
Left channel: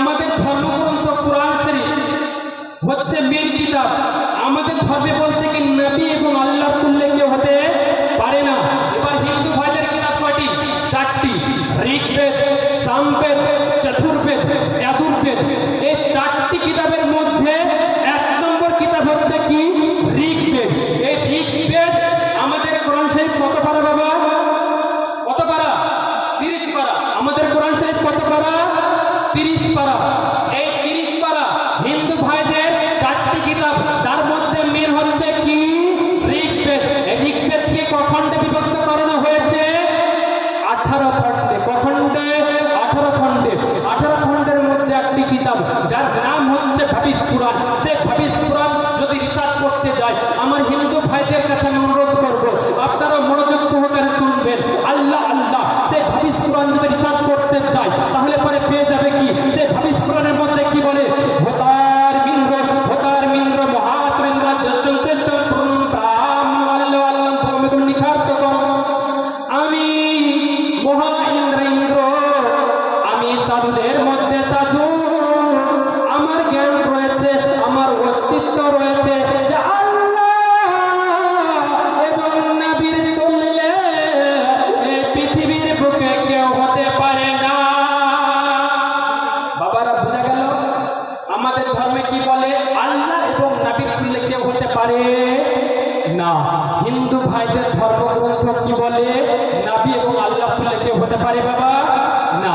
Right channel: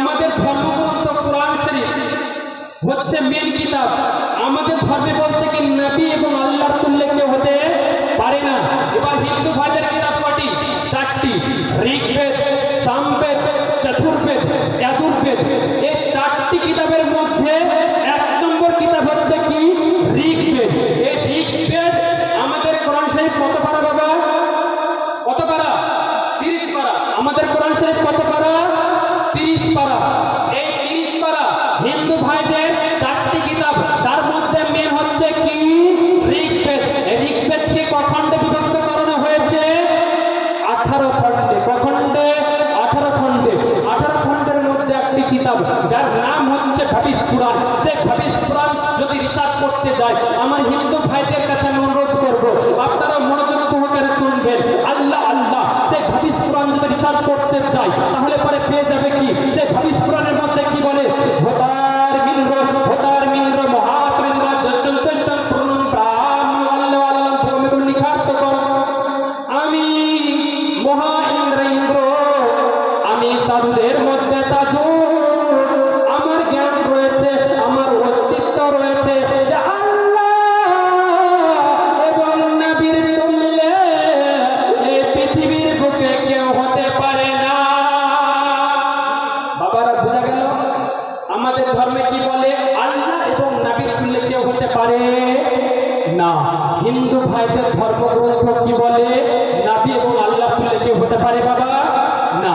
আমাদের ধর্মগ্রন্থ কোরআন শরীফ হচ্ছে মেন কিতাব। আমাদের ধর্মে বলছে কি নবী এবং আল্লাহর তুল্যে কেউ হতে পারে না। এবার হিন্দু ভাইদের কিতাব কটি? 4টি। ঋগ্বেদ, সামবেদ, চতুর্বেদ, যজুর্বেদ। এই 4টি কিতাবের মধ্যে 1 নম্বর কিতাব হচ্ছে কি ঋগ্বেদ। এই ঋগ্বেদ আমাদের কোরআন শরীফ কত পারা বাবা? কত পারা? 30 পারা। আমাদের কোরআন শরীফ কত পারা? 30 পারা। এই 30 পারা হিন্দু ভাইদের 4টি কিতাব, তার মধ্যে মেন হচ্ছে কি ঋগ্বেদ। ঋগ্বেদকে ক খণ্ডে বিভক্ত করানো হয়েছে? 18 খণ্ডে। ক খণ্ডে? 18 খণ্ডে। 18 খণ্ডের মধ্যে একটি কিতাব যার নাম হচ্ছে ভবিষ পুরাণ। সে ভবিষ পুরাণ যদি রিসার্চ করতে যায়, আমার হিন্দু ভাইদের কাছে আমি অনুরোধ করবো আপনারা মনোযোগ সহকারে শুনবেন। আল্লাহ আল্লাহ, সে ভবিষ পুরাণ যদি রিসার্চ করতে যায় তাহলে পরে পেয়ে যাবে কি সে ভবিষ পুরাণের মধ্যে কি বলে? হোতার মিন্দ্র মহাসুরেন্দ্র জ্যেষ্ঠম শ্রেষ্ঠম পূর্ণম ব্রাহ্মণ প্রমিত নিখার্তক, আমি মহা ইন্দ্র, আমি সাধুদের মধ্যে সাধু, আমার জ্ঞান রয়েছে, আমার অস্তিত্ব রয়েছে যে আল্লাহ এবং নবীর তুল্যে এই পৃথিবীর বুকে কেউ হতে পারে না। বাবারা বোঝা গেল আমাদের ধর্মে কি বলে? আল্লাহ এবং নবীর তুল্যে কেউ হতে পারে না। হিন্দু ভাইদের ধর্মগ্রন্থ কি বলে? নবী এবং আল্লাহ তুল্যে কেউ হতে পারে বাবা না।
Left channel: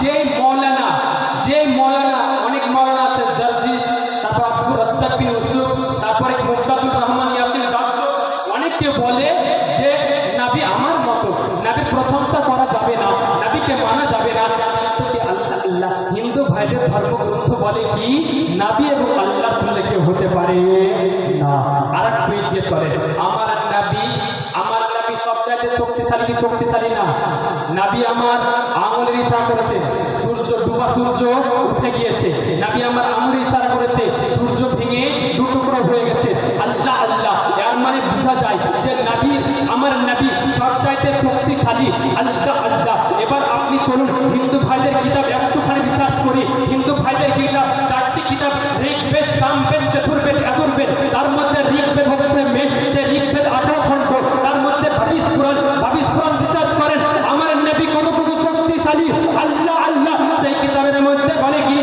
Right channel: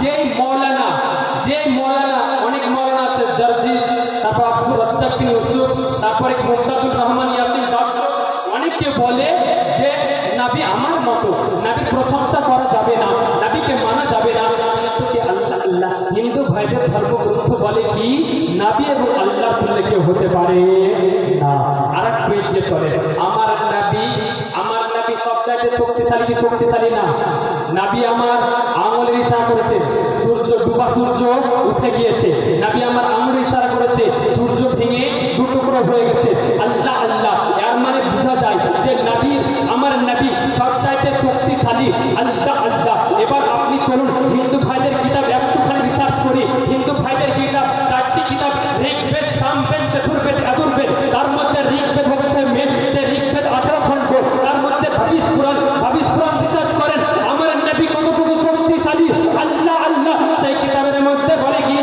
যে মৌলানা, অনেক মৌলানা আছে, জার্জিস, তারপর আব্দুর রাজ্জাক বিন ইউসুফ, তারপরে মুমতাজুর রহমান ইয়াসিন দাওয়াত, অনেকে বলে যে নবী আমার মতো, নবীর প্রশংসা করা যাবে না, নবীকে মানা যাবে না। আল্লাহ আল্লাহ, হিন্দু ভাইদের ধর্মগ্রন্থ বলে কি নবী এবং আল্লাহ তুল্যে কেউ হতে পারে না। আর এক মিনিট দিয়ে চলে, আমার নবী সবচাইতে শক্তিশালী কি শক্তিশালী না? নবী আমার আঙুলের ইশারা করেছে, সূর্য ডুবা, সূর্য উঠে গিয়েছে। নবী আমার আঙুলের ইশারা করেছে, সূর্য ভেঙে 2 টুকরো হয়ে গেছে। আল্লাহ আল্লাহ, এর মানে বোঝা যায় যে নবী, আমার নবী সবচাইতে শক্তিশালী। আল্লাহ আল্লাহ। এবার আপনি চলুন হিন্দু ভাইদের কিতাব একটুখানি রিসার্চ করি। হিন্দু ভাইদের কিতাব 4টি কিতাব, ঋগ্বেদ, সামবেদ, চতুর্বেদ, যজুর্বেদ। তার মধ্যে ঋগ্বেদ হচ্ছে মেন। সে ঋগ্বেদ 18 খণ্ড, তার মধ্যে ভবিষ পুরাণ রিসার্চ করেন আমার নবী কতটুকু শক্তিশালী। আল্লাহ আল্লাহ, সেই কিতাবের মধ্যে বলে কি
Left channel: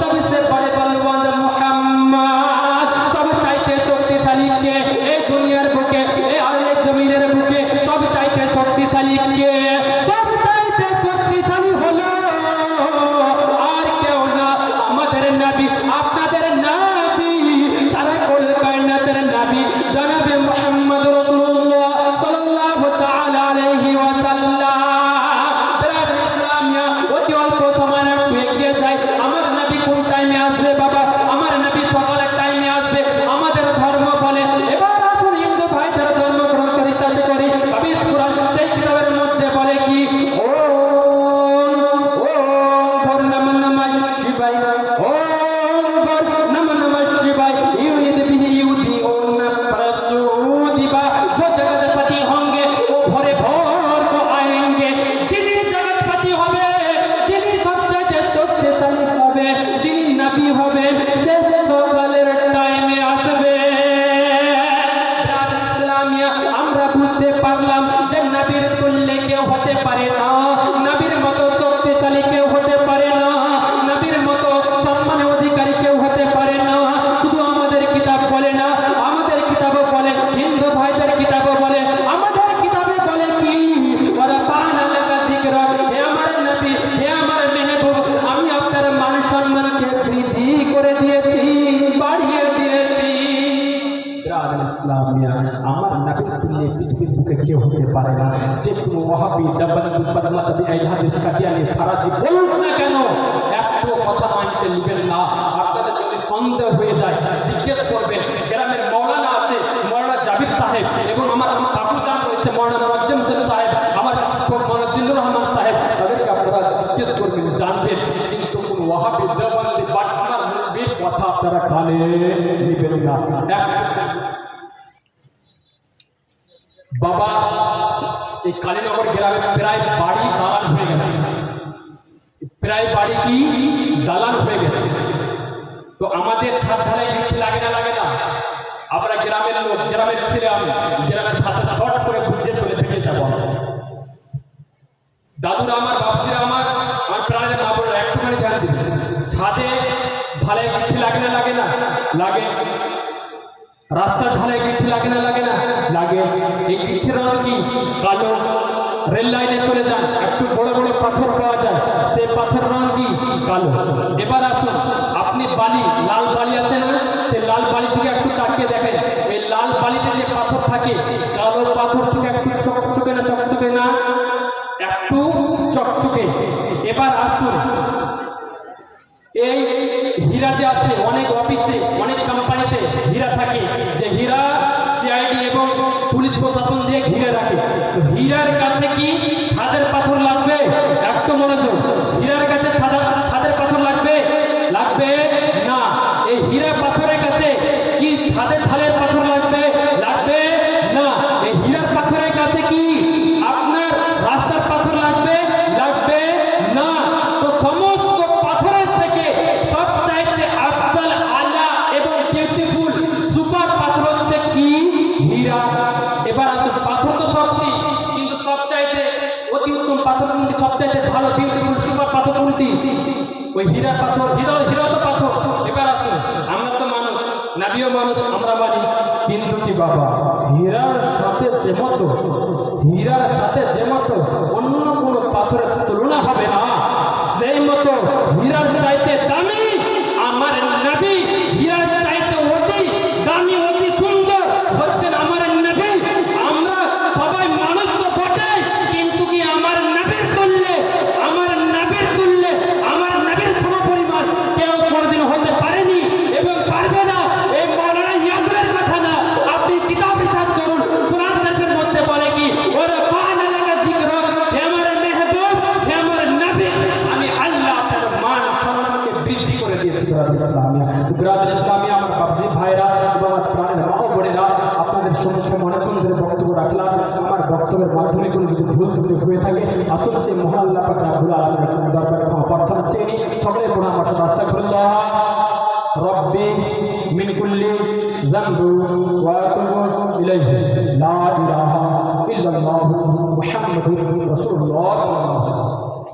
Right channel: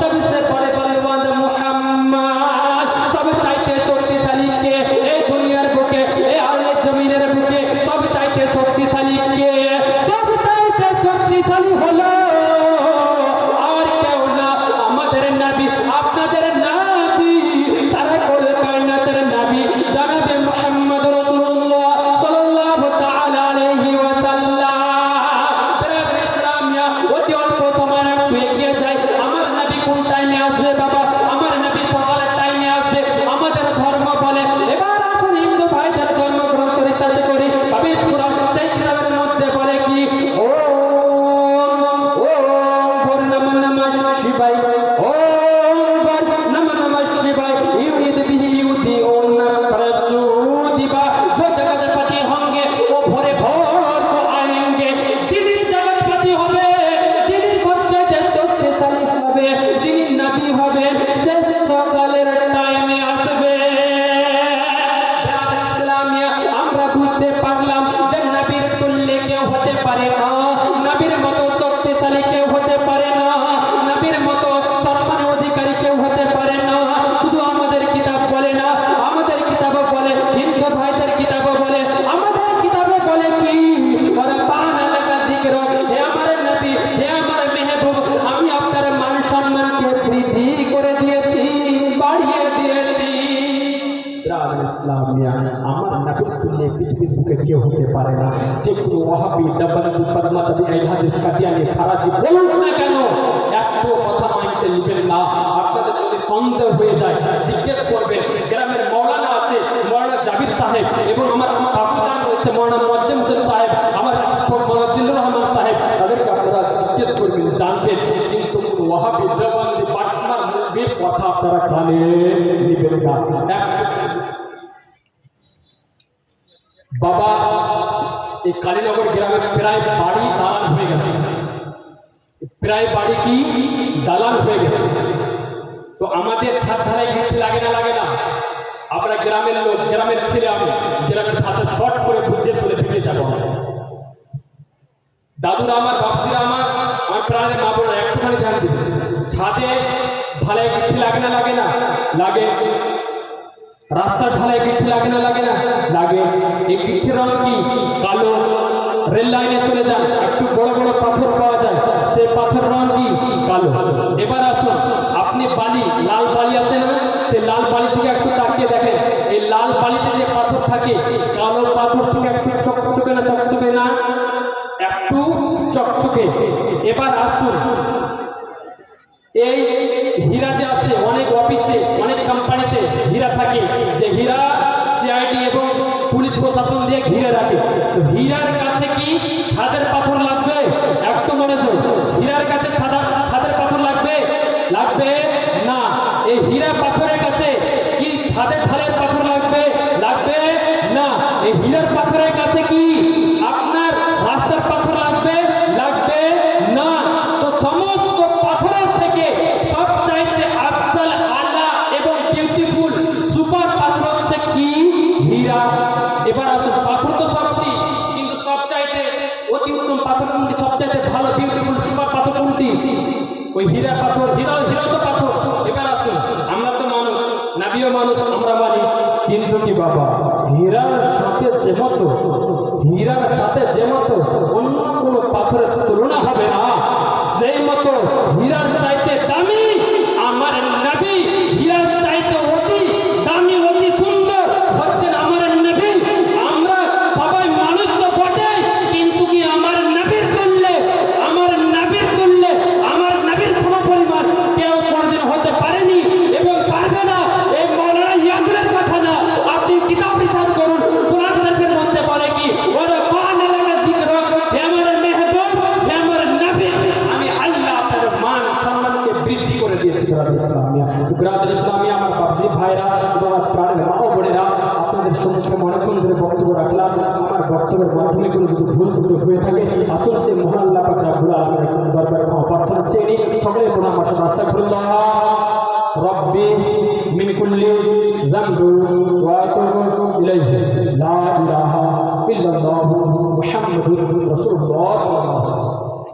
सबसे बड़े बलवान मोहम्मद, सब चाहते शक्तिशाली এসে সকালের টাইমে আসবে। ইসলামিয়া আমরা বুঝতে পারলাম যে নবীর তুল্যে কেউ হতে পারে না, নবীর মতো শক্তিশালী কেউ হতে পারে না, নবীর মতো সম্মানের অধিকারী কেউ হতে পারে না। শুধু আমাদের কিতাব বলে না, আমাদের কিতাবে বলে, হিন্দু ভাইদের কিতাবে বলে, আমাদের কিতাবে বলে কি ওরা পান আলাদা দিকরা, হে আমার নবী, হে আমার মেহবুব, আমি আপনার মান সম্মানকে বৃদ্ধি করে দিয়েছি, বাড়িয়ে দিয়েছি। ইসলামিয়া আমার নবীর তুল্যে পৃথিবীর বুকে কেউ হতে পারে না। যে কোনো ওয়াহাবি দাবানি বদমাতাবি আইহাদি কাদিয়ানি ফারাজি বলুন না কেন, এত কথা মানতে নেবেন না। আপনাদের যদি সন্দেহ হয়ে যায় জিজ্ঞেস করবেন, গ্রামের মৌলানা আছে, মৌলানা জাবির সাহেব, এবং আমার বাবুজান রয়েছে মৌলানা মুয়াজ্জম হোসেন সাহেব, আমার শিক্ষক মৌলানা জিল্লুর রহমান সাহেব, তাদেরকে আপনারা জিজ্ঞেস করবেন, জানবেন। কিন্তু ওয়াহাবি দাবানি বাটমার নবীর কথা আপনারা কানে নেবেন না। বাবা এই কালীনগর গ্রামে প্রায় বাড়ি দালান হয়ে গেছে, প্রায় বাড়ি কি দালান হয়ে গেছে। তো আমাদের ছাদ ঢালাই গিফট লাগে না, লাগে না? আমরা গ্রামের লোক, গ্রামের ছেলে, আমি গ্রামের ভাষা শর্ট করে বুঝিয়ে বলে বেরিয়ে যাবো। দাদুরা আমার, বাপসিরা আমার, আমার প্রাণের মা বোনেরা একটুখানি ধ্যান দিন। ছাদে ঢালাই গিফট লাগে না, লাগে না? লাগে। রাস্তার ঢালাই গিফট লাগে না, লাগে না? লাগে। এই গিফটের রং কি? কালো। রেল লাইনে চলে যান, একটু বড় বড় পাথর পাওয়া যায়, সেই পাথর রং কি? কালো। এবার আসুন, আপনি বালি, লাল বালি আছে না, সেই লাল বালি থেকে একটু তাকিয়ে দেখেন, এই লাল বালিতে যে পাথর থাকে, কালো পাথর থেকে একটু চকচকে না, চকচকে না? একটু চকচকে। এবার আসুন, এই হীরা যে আছে, অনেক অফিসে, অনেক কোম্পানিতে হীরা থাকে, যে হীরা সিআইডি এবং পুলিশ প্রশাসন দিয়ে ঘিরে রাখে। তো হীরার কাছে কি ছাদের পাথর লাগবে? একটু মনোযোগ, হীরার কাছে ছাদের পাথর লাগবে? লাগবে না। এই হীরা পাথরের কাছে কি ছাদের ঢালের পাথর লাগবে? লাগবে না। এই হীরার পাথরের কাছে কি আপনার রাস্তার পাথর লাগবে? লাগবে না। তো সমস্ত পাথরের থেকে সবচাইতে আফজাল, আলা এবং বিউটিফুল সুপার পাথর হচ্ছে কি? হীরা। এবার আসুন, পাথর তো সবটি, কিন্তু সবচাইতে অতি উত্তম পাথর কোনটি? সবচাইতে ভালো বিউটিফুল সুপার পাথর কোনটি? ওই হীরা পাথর। হীরা তো পাথর। এবার আসুন, আমরা তো মানুষ, নবীও মানুষ, আমরা মানি, কিন্তু কি বাবা, হীরার সাথে যে মতো, হীরার সাথে যে মতো অন্য কোনো পাথরের তুলনা হবে না, সেই মতো হীরার চাইতে দামি আমার নবী, হীরার চাইতে অতি দামি, অতি সুন্দর হচ্ছেন আমার নবী। আমরা সবাই মানুষ তো বটে, কিন্তু কি আমার নবীর তুল্যে, আমার নবীর তুল্যে, আমার নবীর সমপরিমাণ কেউ কোনোদিন হতে পারেনি এবং পারবে না। এই মৌলানা ইয়াকুবের কথা না, আপনি কিতাব রিসার্চ করুন, কোরআন শরীফের মধ্যে বলে কি ওরে মান আলাদা যিকর, হে আমার মেহবুব, হে আমার নবী, আমি আল্লাহ তার মান সম্মানকে বৃদ্ধি করে দিয়েছি। ইসলামিয়া গ্রামের ইসলামিয়া আমার বাবজি ভাইরা এবং প্রাণের মা বোনেরা, আপনাদের সম্মুখে অনেকক্ষণ ধরে বক্তব্য রাখলাম। আমার বক্তব্যের মাধ্যমে কোনো যদি ভুল ত্রুটি হয়ে থাকে, আসল সেই মহান আল্লাহ পাক রব্বুল আলামিনের দরবারে ক্ষমা প্রার্থনা চেয়ে নিই। সকলের পড়া আমার সাথে আস্তাগফিরুল্লাহ রব্বি মিন কুল্লি যামবি ওয়া আতুবু ইলাইহি, লা ইলাহা ইল্লাল্লাহু মুহাম্মাদুর রাসূলুল্লাহ সাল্লাল্লাহু আলাইহি ওয়াসাল্লাম।